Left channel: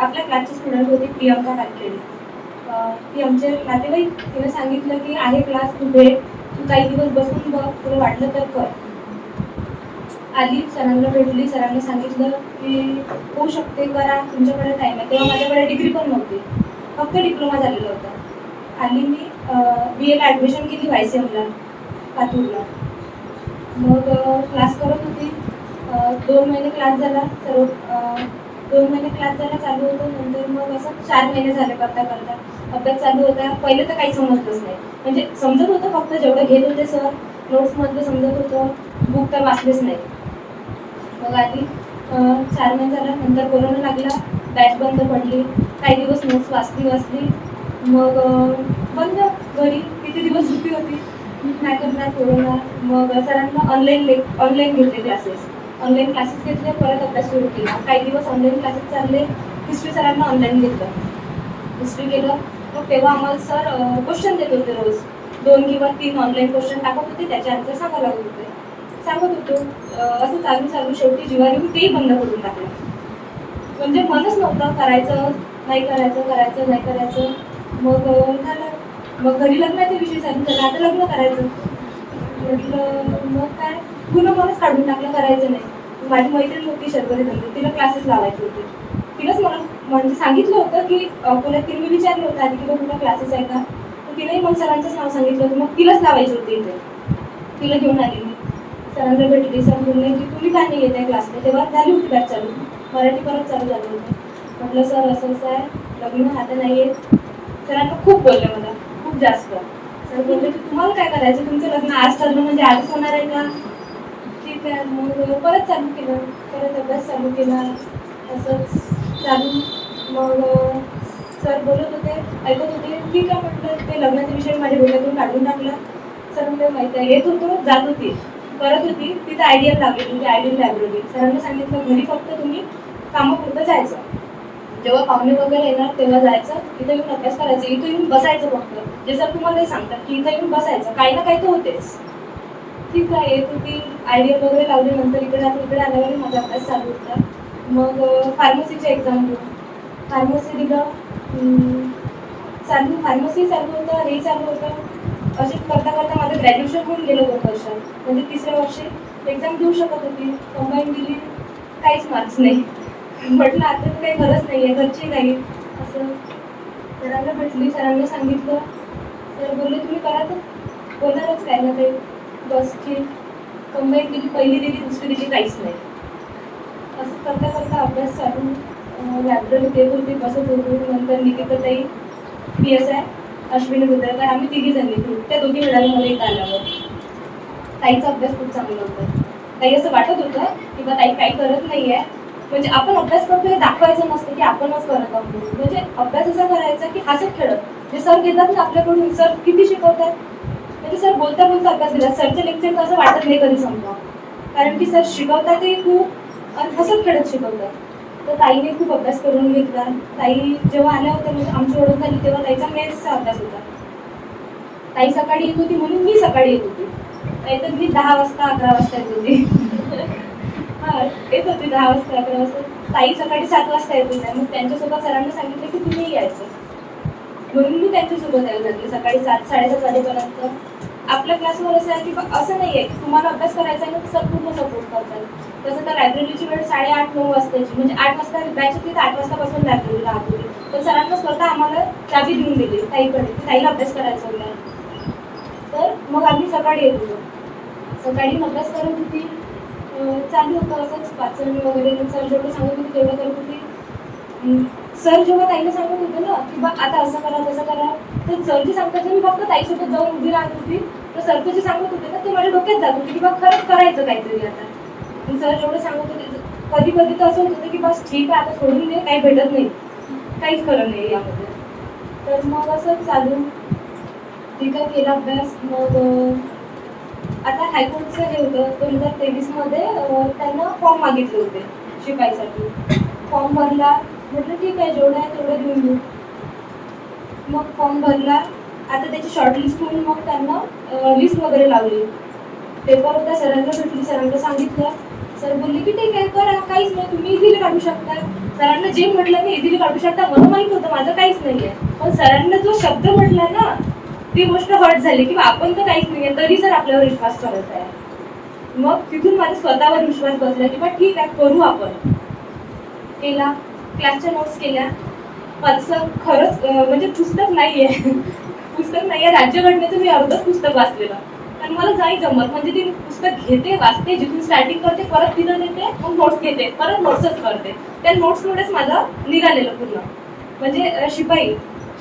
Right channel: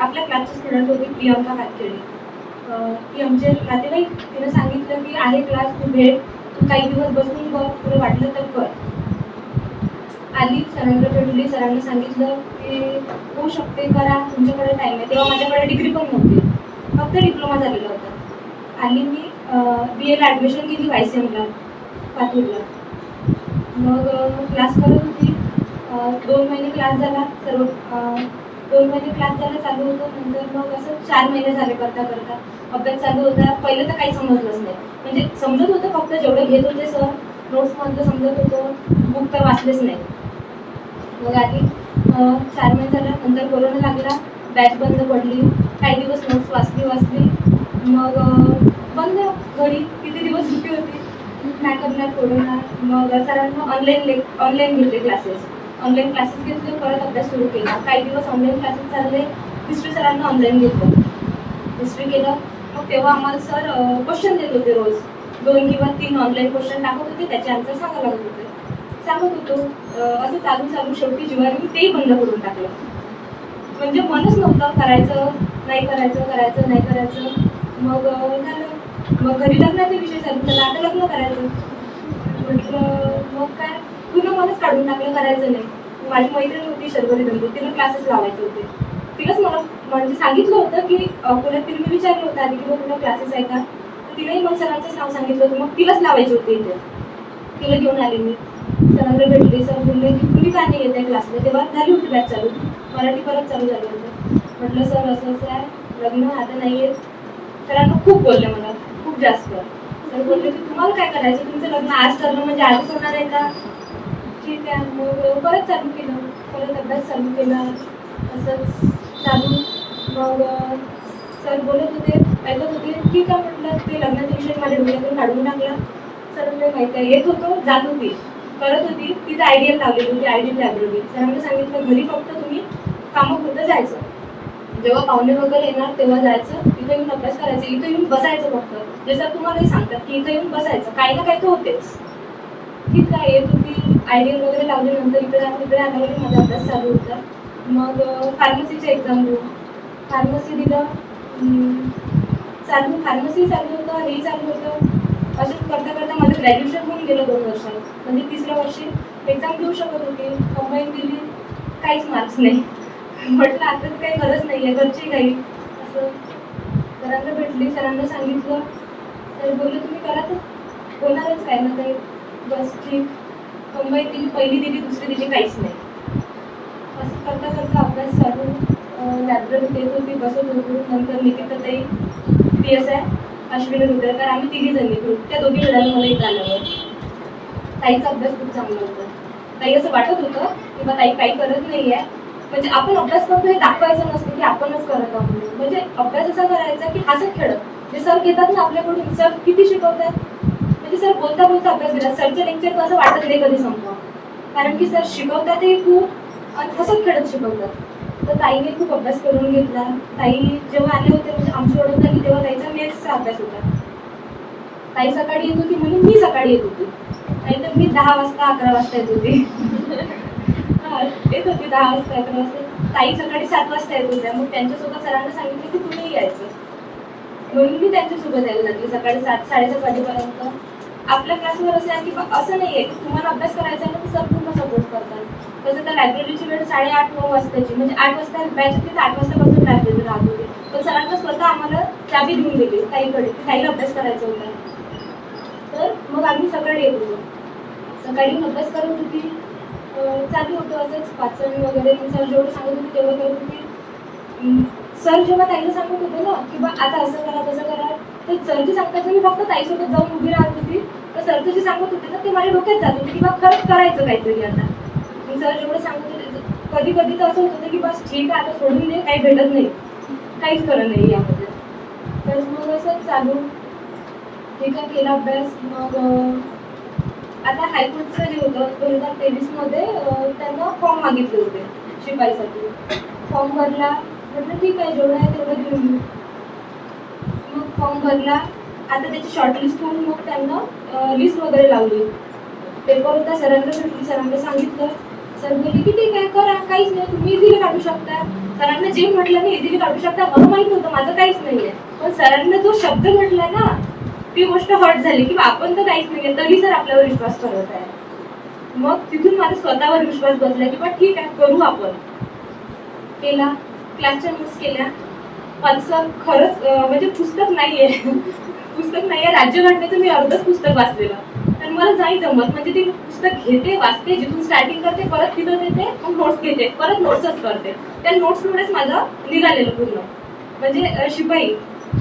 आपल्या क्लासची स्टुडंट होती प्रियंका कातखेडे ती आमचे नातेवाईक तिने सांगितलं की आहे क्लास तू भेट तू काही दिवस बसून बघ तुला वाटलं तर कर. आली सरांना भेटली सरांनी सांगितलं की होऊ शकते करा तुमच्याकडे टाईम आहे. तेव्हा माझ्याकडे डिग्री पण नव्हती. फक्त डिप्लोमा झालेला होता. आली मी बी एला ॲडमिशन केली वाय सी एमला पातूरला. मग क्लास करत होती. दोन महिने क्लास झाला. सर्व दोन महिने क्लास झाला चालू होतो. नंतर मग असं चार महिने झाले करता करता. अभ्यास चालू होता. पहिले तर काही समजलंच नाही. म्हणजे समजत होतं फक्त जेवढं घेत होते सर नोट्समधलं समजत होतं. बुक तर वाचलेच नाही. मग आधी चार महिने झाला नंतर कोरोना लागला. बॅच बंद पडली. काही दिवस नोट्स वाचली वाचली. मग बंद. घरी किती दिवस सुट्टी होती? नाही करणार कोरोना मग सरांना ऑनलाईन लेक ऑनलाईन घेतले क्लासेस ऑनलाईन क्लासेस घेतले परत अभ्यास सुरू केला. काही दिवस ऑनलाईन क्लासेस चालले हिस्ट्री सरांना ऑनलाईन घेतलं. हिस्ट्री केलं. मग तेव्हा आम्हाला सर क्वेश्चन देत होते रोज. दोन किंवा तीन ऑनलाईन क्वेश्चन टाकत होते त्याचे आन्सर सांगायला लागत होते. सांगत होतो असं चालू चालू शेवटी जीवार येऊन तेही बंद करून टाकलं. म्हणजे मनच नव्हतं करायचं नाही करायचं करायचं नाही करायचं. मग झालं. मग घरी लग्नाचे विषय चालू झाला आता लग्न करायचं. म्हटलं मग काय? तुला मलाच काढून टाकलं करायचं नाही. माझी मैत्रीण होती शर्वरी दंडू तिला क्लासेस लावायचे होते. तिलाच मला म्हणजे सांगितलं होतं की अकोल्यात तिने मी विचारलं होतं आधी की मग तुला क्लासेस आहे का? तर तिनेही मग सरांचंच नाव सांगितलं होतं. मग तिलाच लावायचे होते इथे. तिला घेऊन आली मी सरांना भेटली. सर म्हणले की तुम्ही काय नाही येत आहे क्लासला तेव्हा झाली होती बॅच चालू. मराठी परत चालू झालं होतं. म्हटलं सर असं असं आहे. लग्न आता नाही येत. सरांना खूप बोलले मला. खूप जास्त. सर म्हणले की तुम्हाला काय करायचं? तुमचं लग्न आज चाललं म्हणजे आजच होणार आहे का? ठीक आहे मग परत चालू केलं. परत अभ्यास चालू केला. असंच चालू मग सर बोलत होते ऐकत होते. ठीक आहे म्हटलं ते लग्नाचा विषय माझ्या डोळ्यातून काढून टाकला. सर ते माहिती आहे. येत होतो जात होती. करत होती. तिथं आयडियल लागली होती आयडियल होती. सरांनी सांगितलं घरी फक्त तुम्ही कामापुरतं जायचं. जेव्हा पाहुणे वगैरे येणार तेव्हा जायचं. इथं येऊन अभ्यास करायचं. इथं येऊन बसायचं फक्त. जे सर तुम्हाला सांगतात की इथं येऊन बसायचं. काही ना काही तर होतेच. ठीक आहे येत होती आयडियल वगैरे लावल्यानंतर इकडे जाऊन इकडे आल्यावर माझा अभ्यास चालू होता. मग फार्मसीच्या एक्झाम देऊ फार्मसी दिलं. चालू फार्मसी चालू होतं हे चालू होतं. असेच करता करता माझं ग्रॅज्युएशन होऊन गेलं दोन वर्षात. म्हणजे तिसऱ्या वर्षी एक्झाम देऊ शकत होती. कंबाईन दिली काहीच मार्क्स नाही. म्हटलं आता तर काही गरज नाही आहे घरची काही. असं सरांना भेटली सरांना सांगितलं. तर बोलले तुम्ही करा तर. होणारच काय ना काही. बस ठीक कंबाईन दिली पहिली दिली दुसरी दिली काहीच नाही. असं करता करता अभ्यास चालू. लायब्ररी देत होती बसत होतो. नंतर निकिताताई पी एस आहे अश्विनी रुद्रकर आम्ही तिघी जण होतो. त्या दोघी मिळाल्या मला इथं आल्यावर. ताईचा अभ्यास खूप चांगला होता. ताई असं वाटत होतं की बा ताई काही करत नाही आहे म्हणजे आपण अभ्यास करतो हे दाखवायचं नसतं की आपणच करत आहोत. म्हणजे अभ्यास असा करायचा की हसत खेळत जे सर घेतात ना आपल्याकडून सर किती शिकवतात? की सर बोलता बोलता अभ्यास केला. सरचं लेक्चर कसं असं वाटत नाही कधी संपवा कारण की सर शिकवतात ते खूप हसत खेळत शिकवतात. तर ताईने खूप अभ्यास करून घेतला. ताई जेव्हा आल्या होत्या म्हणजे आमची ओळख झाली तेव्हा ताईचा मॅथ्सचा अभ्यास होता. ताई सकाळी येत होती म्हणून मी सकाळी येत होती. नाहीतर मी दहा वाजता अकरा वाजता येत होती. हां येत होती दहा वाजता अकरा वाजता. ताई सकाळी सात वाजता येत होत्या. मग त्यांच्यासोबत सरांना सांगितलं की तुम्ही यायचं. म्हणून मी त्यांच्यासोबत यायला लागली. सकाळी सात साडेसात वाजेपर्यंत. आपल्या क्लासवर असं आहे की बा- असं नाही आहे की तुम्हाला अभ्यास करायचा आहे ना तर संपूर्ण सपोर्ट करतात तसं तर लायब्ररीची वेळ साडेआठ नऊ वाजताची. म्हणजे आठ वाजता बॅच होती तर आठ वाजतापासून लायब्ररी राहत होती. तर सरांना स्वतः आम्हाला चाबी देऊन दिली ताईकडे की ताईला अभ्यास करायचा होता तर मग आम्ही सकाळी येत होतो. सकाळी अभ्यास करत होती. चालू होतं असंच वाचन वगैरे सर जेवढं सांगत होते तेवढं करत होती. सर जेव्हा ताईला सांगत होते ना की बा आता असं करा तसं करा तर सरची जे सांगतात मी फक्त ताईसोबत जाऊन उभी राहत होती. तर सर जे सांगत होते ना ते माझ्या डोक्यात जात होते की बा खरंच करायचं काहीतरी आता. सर जेवढं सांगत होते कधी कधी तर असं होतं की बस ठीक आहे आता सोडून दे काही भेटत नाही. काहीच खरं नाही यामध्ये. तर मग असंच चालू. ठीक आहे केला अभ्यास. मग आता हायकोर्टचं जे होतं दोन हजार तेवीसमध्ये त्यांना फॉर्म मागितले होते शिपाईसाठी. फॉर्म भरला. म्हटलं ठीक आहे जेवढं आहे तेवढं घेऊन देऊ मग फॉर्म भरला. आता त्याची शॉर्टलिस्ट होऊन मग त्यांना लिस्ट वगैरे लावली. पेपर होता सरांना भेटली सरांना सांगितलं. सर बोलले की ठीक आहे करा. काहीच नाही तुम्ही इझिली काढू शकता. सरांना जे म्हटलं ना इझिली काढू शकता. मला माहीत होतं माझं काहीच नाही आहे पण सरांना जो शब्द म्हटला ना ती गोष्ट हट झाली की आपण तर काहीच नाही आहे तरी सर आपल्यावर विश्वास करत आहे. मग तिथून माझा स्वतःवर विश्वास बसला की बा ठीक आहे करू आपण. केला. क्लासच्या नोट्स केल्या. माझं खरंच म्हणजे पुस्तक नाही आहे पुस्तक नाही आहे राज्यघटनेचं मी अर्धच पुस्तक वाचलेलं. आणि मला नाही जमत म्हणजे ती पुस्तक घेते वाचते जिथून स्टार्टिंग करते परत तिथं देते मग नोट्स घेते परत नोट्सच करते. त्या नोट्समुळेच माझं निघालेलं पूर्ण. म्हणजे शिपाई.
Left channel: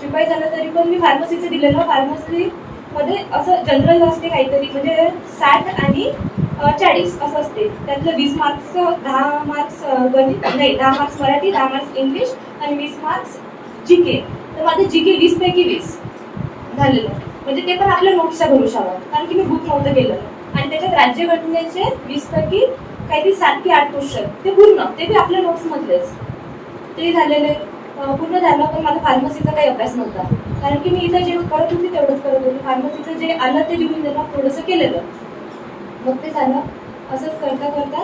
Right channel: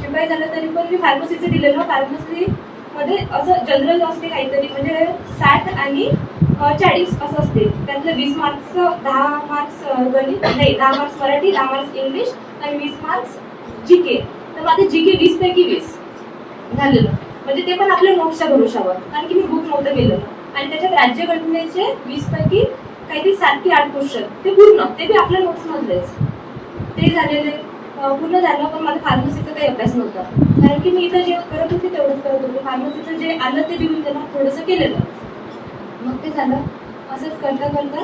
शिपाई झालं तरी पण मी फार्मसीचं दिलेलं. फार्मसी मध्ये असं जनरल असते काहीतरी म्हणजे साठ आणि चाळीस असं असते. त्यातलं वीस मार्क्स दहा मार्क्स गणित नाही दहा मार्क्स मराठी दहा मार्क्स इंग्लिश आणि वीस मार्क्स जी के तर माझं जी के वीस पैकी वीस झालेलं. म्हणजे ते पण आपल्या नोट्सच्या भरोशावर कारण की मी बुक नव्हतं गेलेलं आणि त्याच्यात राज्यघटनेचे वीस पैकी काहीतरी सात की आठ क्वेश्चन. ते पूर्ण. ते बी आपल्या नोट्समधलेच ते झालेले पूर्ण झालं पण माझा फार्मसीचा काही अभ्यास नव्हता. कारण की मी इथं जे करत होते तेवढंच करत होते. फार्मसीचं जे आलं ते लिहून देणं थोडंसं केलेलं. मग ते झालं. असंच करता करता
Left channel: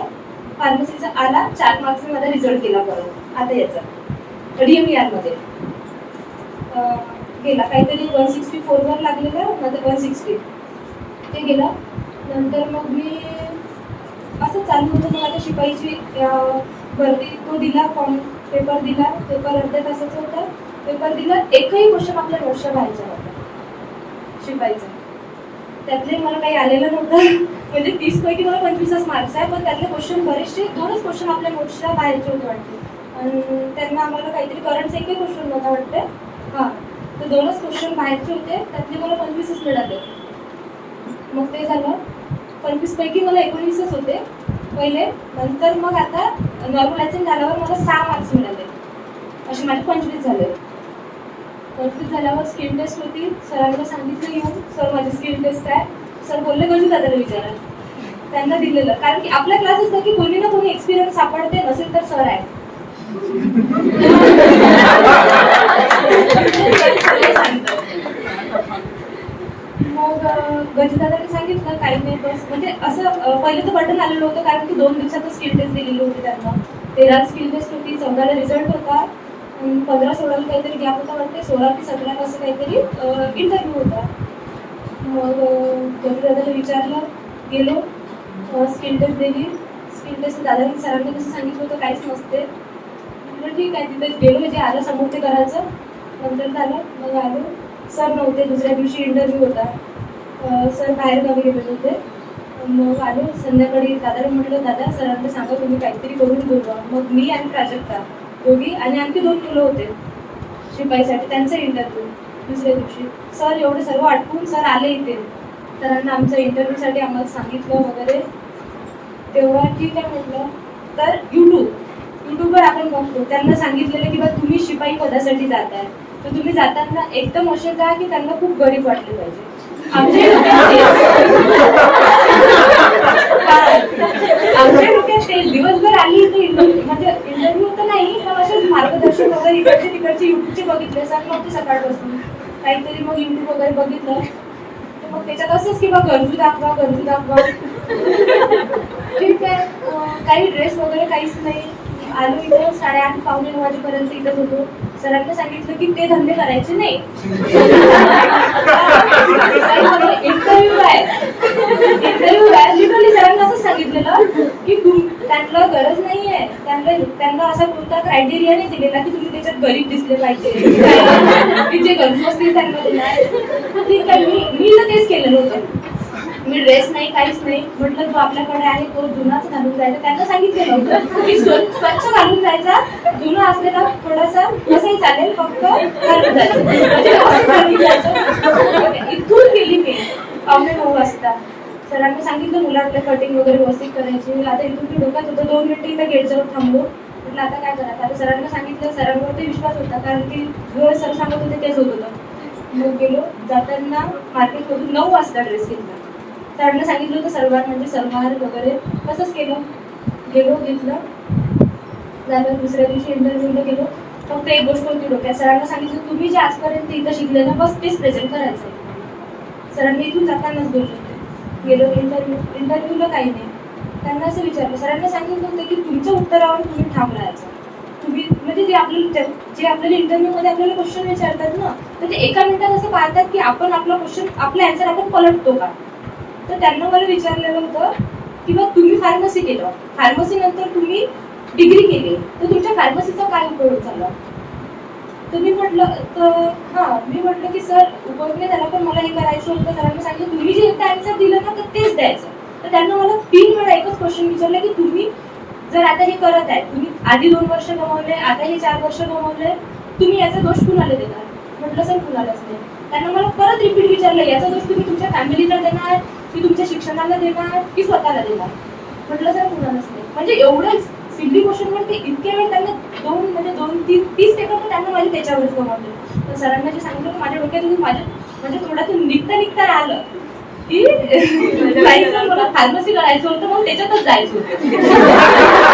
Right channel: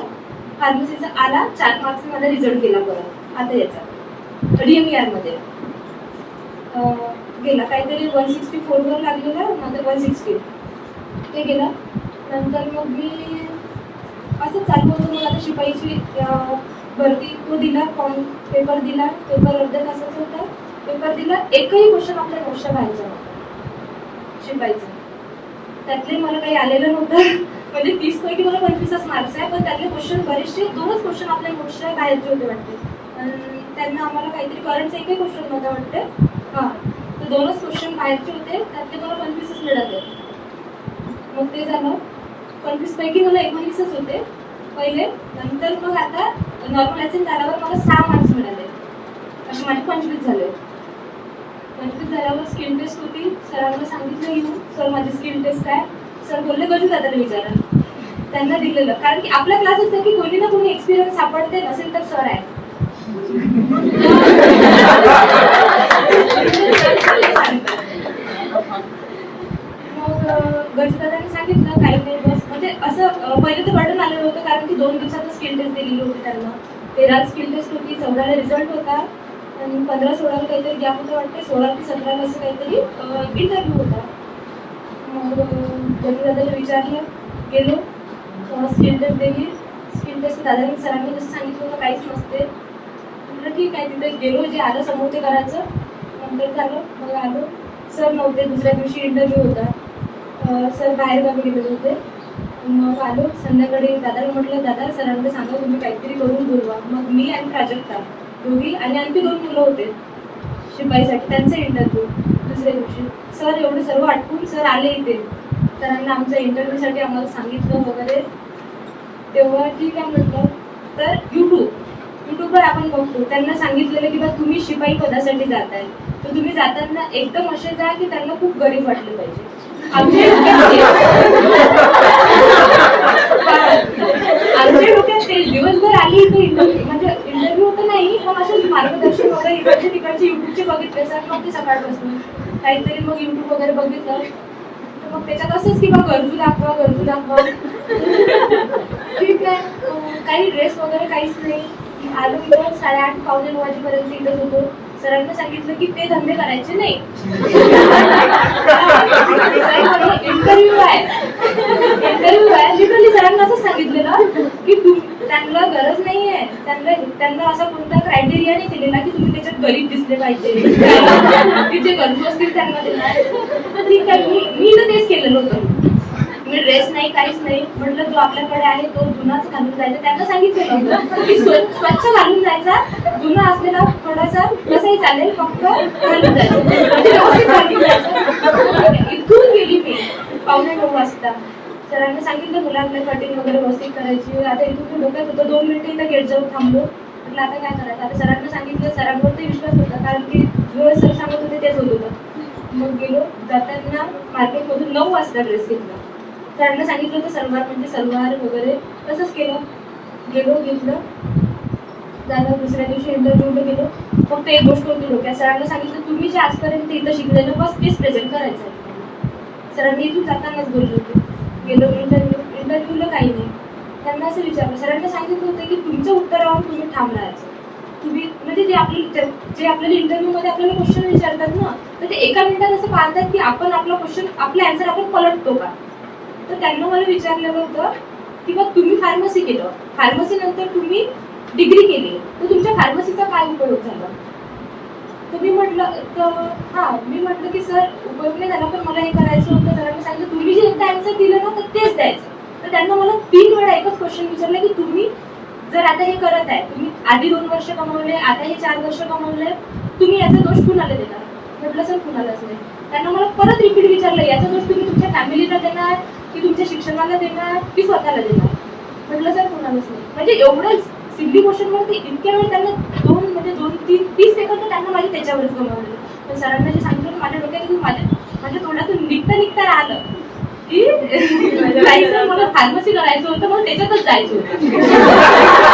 फार्मसीचा आला. चार मार्क्सने माझा रिझल्ट केला परत. आता याचा. डी एम आरमध्ये गेला. काहीतरी वन सिक्स्टी फोरवर लागलेलं नंतर वन सिक्स्टी ते गेलं. नंतर मग मी असं चालू होतं. मला आता शिपाईची भरती तो दिला फॉर्म पेपर दिला. पेपर अर्ध्या तासाचा होता. पेपर दिला. एकही क्वेश्चन आपल्या नोट्सच्या व्हायचा होता शिपाईचा. त्यातले मला काही आलेलं नव्हतं. म्हणजे तीस पैकी मला पंचवीसच मार्क्स आहे. पण त्यातले क्वेश्चन बरेचसे दोनच क्वेश्चन आपल्या नोट्सच्या बाहेरचे होते वाटते. त्यांना आम्हाला काहीतरी करंटचा एकही क्वेश्चन नव्हता वाटते. हां. तर दोनच क्वेश्चन बाहेरचे होते त्यातले मला पंचवीसच मिळाले. मग ते झालं पंचवीसपैकी मला एकोणीसच होते. पहिले नंतर मग आता नॉर्मलायझेशन झाल्यावर मला सहा मार्क्स मिळाले. असे माझे पंचवीस झाले. पंचवीस झाल्यावर स्किल टेस्ट होती. सरांना सांगितलं येऊन सर माझी स्किल टेस्ट आहे. सर बोलले गजू दादाला विचारा. त्यांना दिलेलं. कारण की आपल्या क्लास असतं की कोणी ना कोणी एक्सपिरियन्स सापडते नसेल तर सर आहे. मग गजदादाने सांगितलं काही नाही बस. म्हणजे असं पहिले पहिलं तर बटन आलेलं होतं कारण की दोन दिवसातच स्किल टेस्ट दिलेली होती त्यांना. तेरा स्किल टेस्ट होती चौदाला रिझल्ट होता आणि पंधरा सोळाला काहीतरी गॅप होता वाटते सोळा ते सतराला असं काहीतरी इंटरव्ह्यू होता. मग गजदादाला विचारलं गेलो स्किल टेस्ट दिली. स्किल टेस्ट दादांनी सरांनी कसं सांगितलं होतं काहीच नसते. ठीक आहे तिथे गेलो जे आलं समोर ते करायचं. नंतर झालं. मग आलो. सर नव्हते. दुसऱ्या दिवशी इंटरव्ह्यू होता. सर बाहेर गावी गेलेले होते. मग आलो. संध्याकाळी दादाला म्हटलं दादा सरांना सांगा तुम्ही काहीतरी करून बोलवा. मग मी आणि प्राजक्ता दोघी आणि आणखी दोन मुलं होते शिपाईसाठी. त्यांचा इंटरव्ह्यू दुसऱ्या दिवशी. सर एवढं सर्व आटपून सर आले इथे. सरांना आमच्या इंटरव्ह्यूसाठी आम्हाला सांगितलं वगैरे. तेव्हा ठीक आहे म्हटलं. तर यू युट्यूबवर आपण बघतो. त्यांना सांगितलेलं की बा तुम्ही शिपाई पदासाठी जात आहे तर तुम्ही जाताना एकदम असे जा की त्यांना खूप गरीब वाटले पाहिजे. आमच्या डोक्यात आमच्या डोक्यात तेच दिवसभर आली इथे म्हणजे इंटरव्ह्यू तर नाही पण असे मार्गदर्शन वगैरे इकडचे तिकडचे युट्यूबचे बघितले. सर नव्हते सकाळपासून. काहीतरी मग युट्यूब वगैरे बघितलं. मग त्याच्यात असंच की बा गरजू दाखवा गरजू दाखवा. ठीक आहे. काही ड्रेस वगैरे काहीच नाही. आलो इथं साडेआठ पावणे नऊ वाजेपर्यंत इथं होतो सरांना सांगितलं की ते धंदे करायचे नाही. इंटरव्ह्यू आहे. इंटरव्ह्यू आहे. लिटरली सरांना असंच सांगितलेलं की त्यांना गरज नाही आहे त्यांना त्यांना असा कोणता क्रायटेरिया नाही दिलेला की तुम्ही त्याच्यात गरीब दिसले पाहिजे. की जे गरजू असतील त्यांना देणार ठीक आहे मी मी तर तेच केलेलं होतं मी ड्रेस नाही काहीच नाही. म्हटलं जो आपल्याकडे आहे तो जुनाच घालून जायचा. त्यांना सांगितलेलं की स्व- स्वच्छ घालून जायचा. जुना असलेला थोडासा कसंही चालेल फक्त म्हणजे घालून जायचं. इथून गेली मी. पावणे नऊ वाजता. सरांनी सांगितलं मुलांना कटिंग वगैरे व्यवस्थित करायची. मी आता इथून मी बघत होतं दोन मिनिटं इथं गेटजवळ थांबलो म्हटलं आता काय करायचं? आता सरांना सांगितलं सरांवरती विश्वास होता. कारण की जो सर सांगत होते तेच होत होतं. मग गेलो. जाताना मार्केटमधून नऊ वाजता ड्रेस घेतला सरांना सांगितलं होतं सलवार म्हणजे सलवार वगैरे. तसंच केलं. गेलो घेतलं. झालं दुसऱ्या दिवशी इंटरव्ह्यूला गेलो. फक्त एक गोष्ट होती डोक्यात. सरांना सांगितलं तुम्ही जे आजपर्यंत इथं शिकलेलं बस तेच प्रेझेंट करायचं सरांनी इथून जातानाच बोलले होते. गेलो इंटरव्ह्यू इंटरव्ह्यूला काही नाही. त्यांना असं विचारलं. सरांना सांगितलं होतं की तुमच्या उत्तरावर तुम्ही ठाम राहायचं. तुम्ही म्हणजे जे आपले जे आपल्याला इंटरव्ह्यूमध्ये आपल्याला क्वेश्चन विचारतात ना तर ते एका मिनिटात असं पाहतात की आपण आपला क्वेश्चन आपला आन्सर आपण पलटतो का? तर त्यांना मला विचारलेलं होतं की मग तुम्ही फार्मसी केलं. फार्मसी नंतर तुम्ही डिग्री केली. तर तुमच्या फार्मसीचा काय उपयोग झाला? तर मी म्हटलं तर हा मी म्हटलं की सर उपयोग नाही झाला पण मला हे करायचं होतं. सरांनी सांगितलं तुम्ही जे एकदा आन्सर दिलं ना तर तेच द्यायचं. तर त्यांना मला तीन वेळा एकच क्वेश्चन विचारलं की तुम्ही जर आता हे करत आहे तुम्ही आधी दोन वर्ष कमावले आता हे चार वर्ष कमावले तुम्ही याचा दोष कुणाला देणार? म्हटलं सर कुणालाच नाही. त्यांना मला परत रिपीट विचारलं याचा दोष तुम्ही तुमच्या फॅमिलीला देणार? की तुमच्या शिक्षणाला देणार की स्वतःला देणार? म्हटलं सर कुणालाच नाही. म्हणजे एवढंच सिडली क्वेश्चन वरती इतक्या वेळ त्यांना दोन म्हणजे दोन तीन तीस सेकंद त्यांना माझे त्याच्यावरच गमावले. तर सरांना जे सांगितलं माझ्या डोक्यात माझ्या माझ्या तोंडातून निघता निघता आलं की म्हणजे जायचं मला फार्मसी करायचं होतं मग त्याच्यातच जायचं होतं.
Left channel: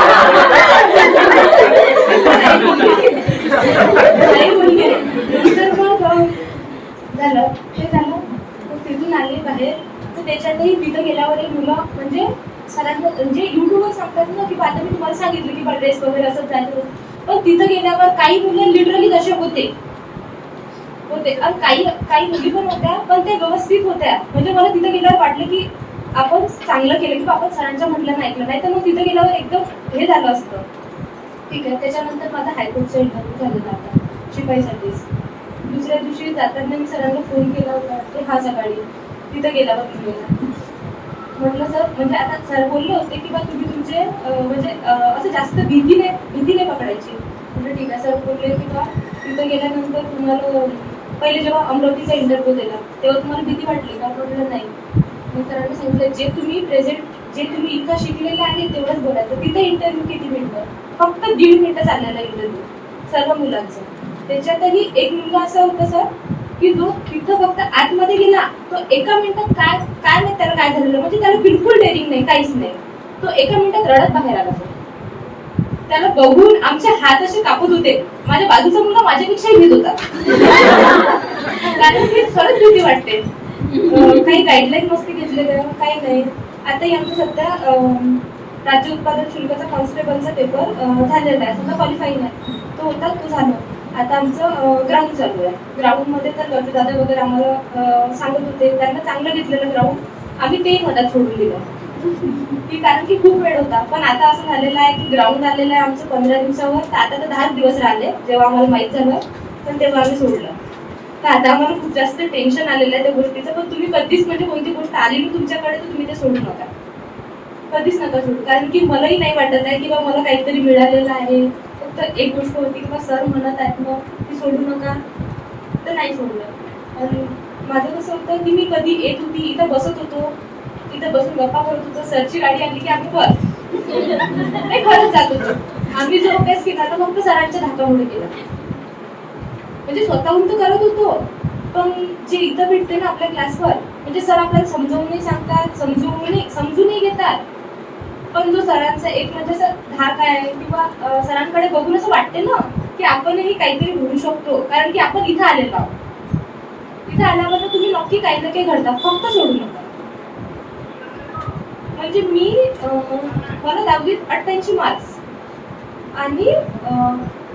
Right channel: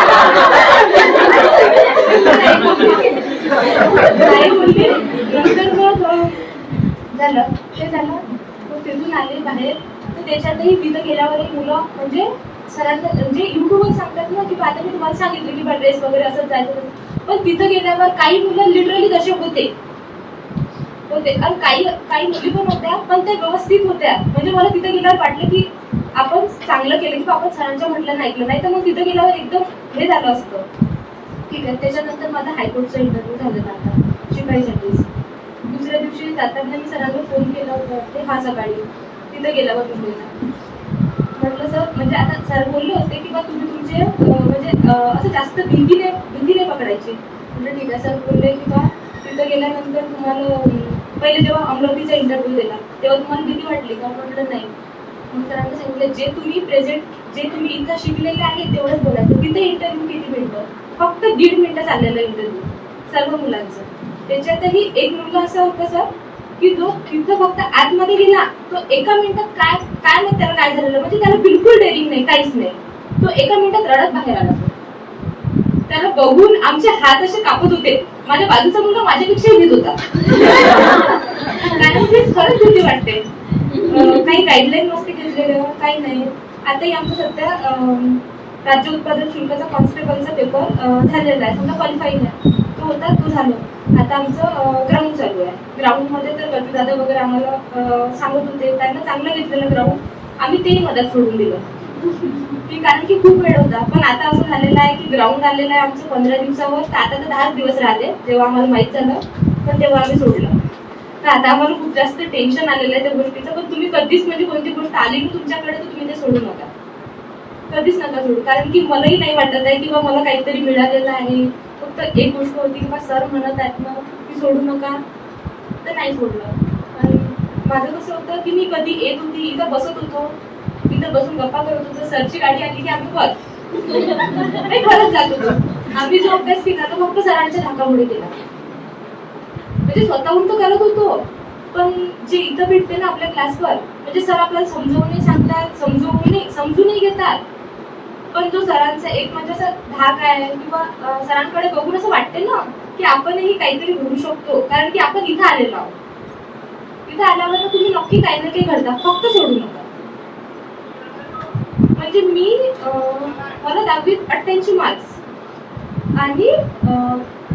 नाही नंतर मग झालं ते झालं. मग तिथून आले बाहेर. त्याच्यातही तिथं गेल्यावर एक मुलं म्हणजे सरांना म्हणजे युट्यूबवर सांगतात ना की आता मी तुम्हाला सांगितलं की बा ड्रेस वगैरे असंच जायचं पण तिथं गेल्यावर काही मुलं लिटरली तसे होते. होते. आणि काही काही मुली पण होत्या पण ते व्यवस्थित होत्या. म्हणजे मला तिथं गेल्यावर वाटलं की आपण चांगलं केलं की आपण सरांच्या म्हटलं ऐकलं. नाही तर मग तिथं गेल्यावर एकदम हे झालं असतं. ठीक आहे. त्याच्यानंतर माझा हायकोर्टचा इंटरव्ह्यू झालेला आता शिकायसाठीच दुसऱ्या दिवशी जाताना मी सरांना फोन केला होता ते हा सकाळी तिथं गेला बा तुम्ही म्हटलं सर म्हणजे आता सर बोलले होते की बा तुम्ही तुमचे म्हणजे असं जास्त भीतीने नाही पकडायची. म्हटलं ठीक आहे सर बोलले की बा तिथं गेल्यानंतर तुम्हाला पहिले जेव्हा अमरावतीचा इंटरव्ह्यू दिला तेव्हा तुम्हाला भीती वाटली का? म्हटलं नाही. मग सरांनी सांगितलं जे तुम्ही प्रेझेंट जे तुम्ही इथं शिकलेले आहे तेवढंच बोलायचं तिथं इंटरव्ह्यू किती मिनिटं? फक्त दीड मिनटं चाललेला इंटरव्ह्यू सर्व मुलांचं. त्याच्यातही एक मुलगा असा होता सर की जो तिथं फक्त आतमध्ये गेला तो एका मिनिटात काय काय नाही त्याला काय झालेलं? म्हणजे त्याला बिलकुल डेअरिंग नाही काहीच नाही. तो एका मिनिटात रडत बाहेर आला. त्याला बघून आमचे हात असे कापत होते. माझ्या बाजूचा मुलगा माझ्यापेक्षा भीत होता. कारण की खरंच भीती वाटते. काही गाईडलाईन नसते घेतलेले काही नाही. आताही आमचं सध्या राज्य उत्पादन शुल्काचा कॉन्स्टेबलचा पेपर झालेला आहे. समजा क्वालिफाईंग आहे तो होता तो झाला. आता आमचं ग्राउंड चालू आहे. ग्राउंडमध्ये तर दादा वगैरे आम्हाला सांगत होते. त्यांना चांगलं घेतलेलं ग्राउंड आम्ही तेही मदत सोडून दिलं. की कारण की खूप वेळ होता. पण आता असं झालेलं आहे की ग्राउंड आलेलं आहे आमचं पंधरा दिवसावर. तर आता तर दहा दिवस राहिले जेव्हा आम्हाला माहीत झालं. तर तेव्हा आम्ही सोडलं. तर आता आम्हाला खूप जास्त टेन्शन आलेलं आहे त्या गोष्टीचं. पण तुम्ही कधीच म्हणजे कोणती गोष्ट आली ना तुमच्याकडे तर तुम्ही ते सोडू नका. कधीच नका सोडू. कारण की मलाही नाही वाटत आहे किंवा मला काहीतरी मिळालेलं आहे. फक्त एक गोष्ट होती किंवा सर म्हणत आहेत मग की सोडू नका. तर नाही सोडलं. आणि माझं कसं होतं की मी कधी येत होती इथं बसत होतो. इथं बसून गप्पा करत होतो. सरची गाडी आली की आम्ही कर नाही खरंच जात होतो. आम्ही जो अभ्यास केला तर फक्त सरांच्या धाकामुळे केला. म्हणजे स्वतःहून तो करत होतो. पण जे इथं भेटते ना आपल्या क्लासवर म्हणजे सर आपल्याला समजवूनही सांगतात समजवूनही समजूनही घेतात. पण जो सरांचा एक म्हणजे असं धाक आहे किंवा सरांकडे बघून असं वाटते ना की आपणही काहीतरी घडू शकतो. कारण की आपण इथं आलेलो आहोत. इथं आल्यावर तुम्ही नक्की काही ना काही घडता. फक्त सोडू नका. म्हणजे मी मला दहावीत अठ्ठ्याऐंशी मार्क्स आणि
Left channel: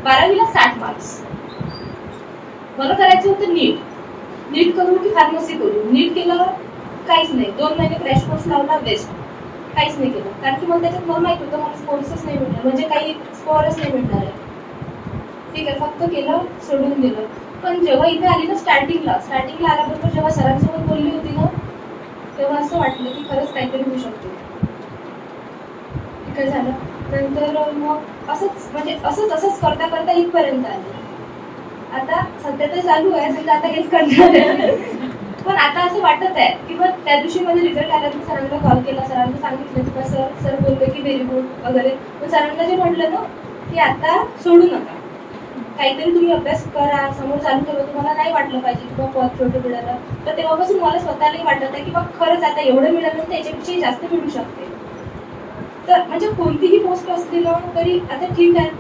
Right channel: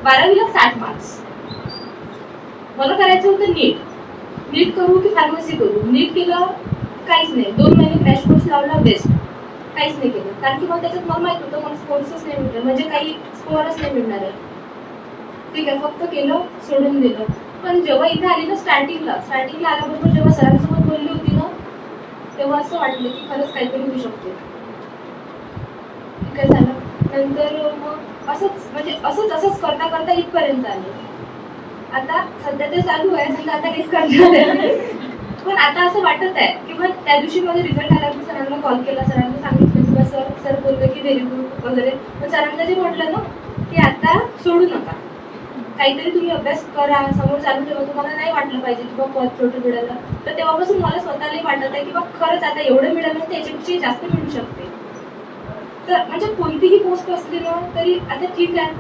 बारावीला साठ मार्क्स मला करायचं होतं नीट. नीट करू की फार्मसी करू? नीट केलं काहीच नाही. दोन महिने क्रॅश कोर्स लावला बेस्ट काहीच नाही केलं. कारण की मला त्याच्यात मला माहीत होतं? मला स्पोर्ट्सच नाही मिळणार म्हणजे काही स्कोअरच नाही मिळणार आहे. ठीक आहे फक्त केलं सोडून दिलं. पण जेव्हा इथे आली ना स्टार्टिंगला स्टार्टिंगला आल्याबरोबर जेव्हा सरांसोबत बोलली होती ना तेव्हा असं वाटलं की खरंच काहीतरी होऊ शकते. काय झालं. नंतर मग असंच म्हणजे असंच असंच करता करता इथपर्यंत आले. आता सध्या तर चालू आहे समजा आता काहीच करणार पण आता असं वाटत आहे की मग त्या दिवशी माझा रिझल्ट आला सरांना कॉल केला सरांना सांगितलं बोलतो की व्हेरी गुड वगैरे. पण सरांना जे म्हटलं ना की आता सोडू नका. काहीतरी तुम्ही अभ्यास करा समोर चालू ठेवा. तुम्हाला नाही वाटलं पाहिजे की बा पद छोटं मिळालं तर तेव्हापासून मला स्वतःलाही वाटत आहे की बा खरंच आता एवढं मिळालं तर त्याच्यापेक्षा जास्त मिळू शकते. तर म्हणजे कोणतीही पोस्ट असली ना तरी आता ठीक आहे.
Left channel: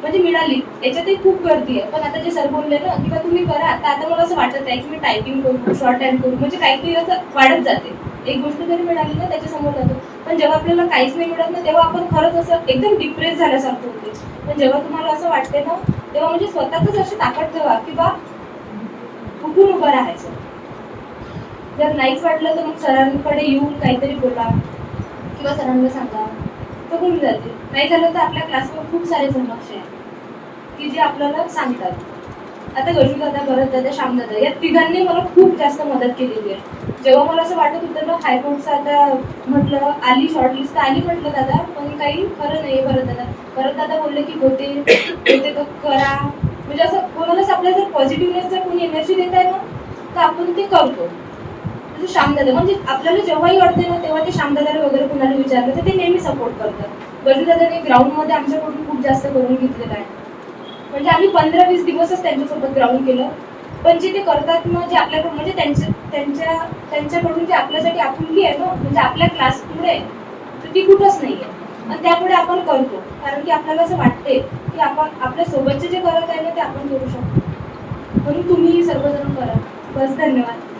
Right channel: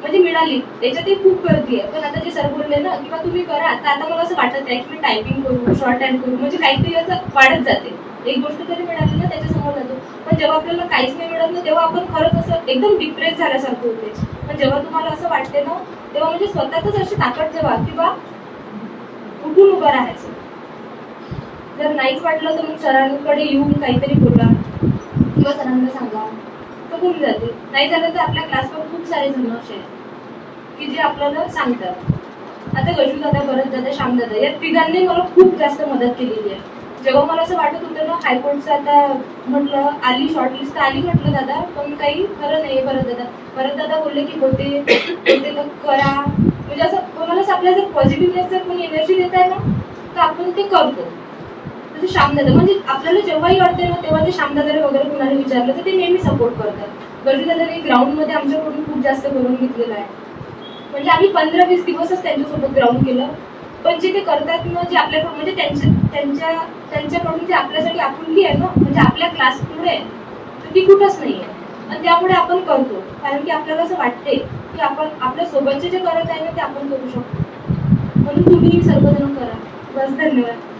म्हणजे मिळाली. त्याच्यातही खूप गर्दी आहे. पण आता जे सर बोलले ना किंवा तुम्ही करा आता आता मला असं वाटत आहे की मी टायपिंग करू शॉर्ट हँड करू. म्हणजे काहीतरी असं वाढत जाते. एक गोष्ट जरी मिळाली ना त्याच्यासमोर जातो. पण जेव्हा आपल्याला काहीच नाही मिळत ना तेव्हा आपण खरंच असं एकदम डिप्रेस झाल्यासारखं होते. पण जेव्हा तुम्हाला असं वाटते ना तेव्हा म्हणजे स्वतःच अशी ताकद ठेवा की बा उठून उभं राहायचं? जर नाहीच वाटलं तर मग सरांकडे येऊन काहीतरी बोला. किंवा सरांना सांगा. तर होऊन जाते. नाही झालं तर आपल्या क्लासवर खूप सारे जण असे आहेत की जे आपल्याला सांगतात. आता गजू दादा भरत दादा श्याम दादा या तिघांनी मला खूप जास्त मदत केलेली आहे. जेव्हा मला असं वाटत होतं ना हायकोर्टचं आता म्हटलं आली शॉर्टलिस्ट तर आली म्हटलं दादा पण काही खरं नाही भरत दादा. भरत दादा बोलले की होते होते तर करा. म्हणजे असं कोणालाच आपल्याला जर पॉझिटिव्हनेस जर कोणी एनर्जी देत आहे ना तर आपण ते करतो. जसं श्यामदादा म्हणजे आपल्याला जेव्हाही वाटते ना तेव्हा ते श्यामदादाला वगैरे कोणाला विचारलं तर ते नेहमी सपोर्ट करतात. गजूदादाने ग्राउंडमध्ये आमच्याकडून खूप जास्त करून घेतलेलं आहे. म्हणजे आम्ही पंधरा वीस दिवसच त्यांच्यासोबत ग्राउंड केलं. पण जे ते करतात मग जे आपल्याकडून म्हणजे त्यांच्या त्यांच्या त्यांच्याकडून जे आपल्यासाठी आपुलकी आहे ना म्हणजे आपल्या क्लास पुढे आहे, तर ती कुठंच नाही आहे आणि त्यामुळे आपण करतो. कारण की आपल्याला असं वाटते की आपण आपल्या सोबतचे जे करत आहे ना ते आपण करू शकतो. म्हणून तुम्ही सर्वजण करा. बस धन्यवाद.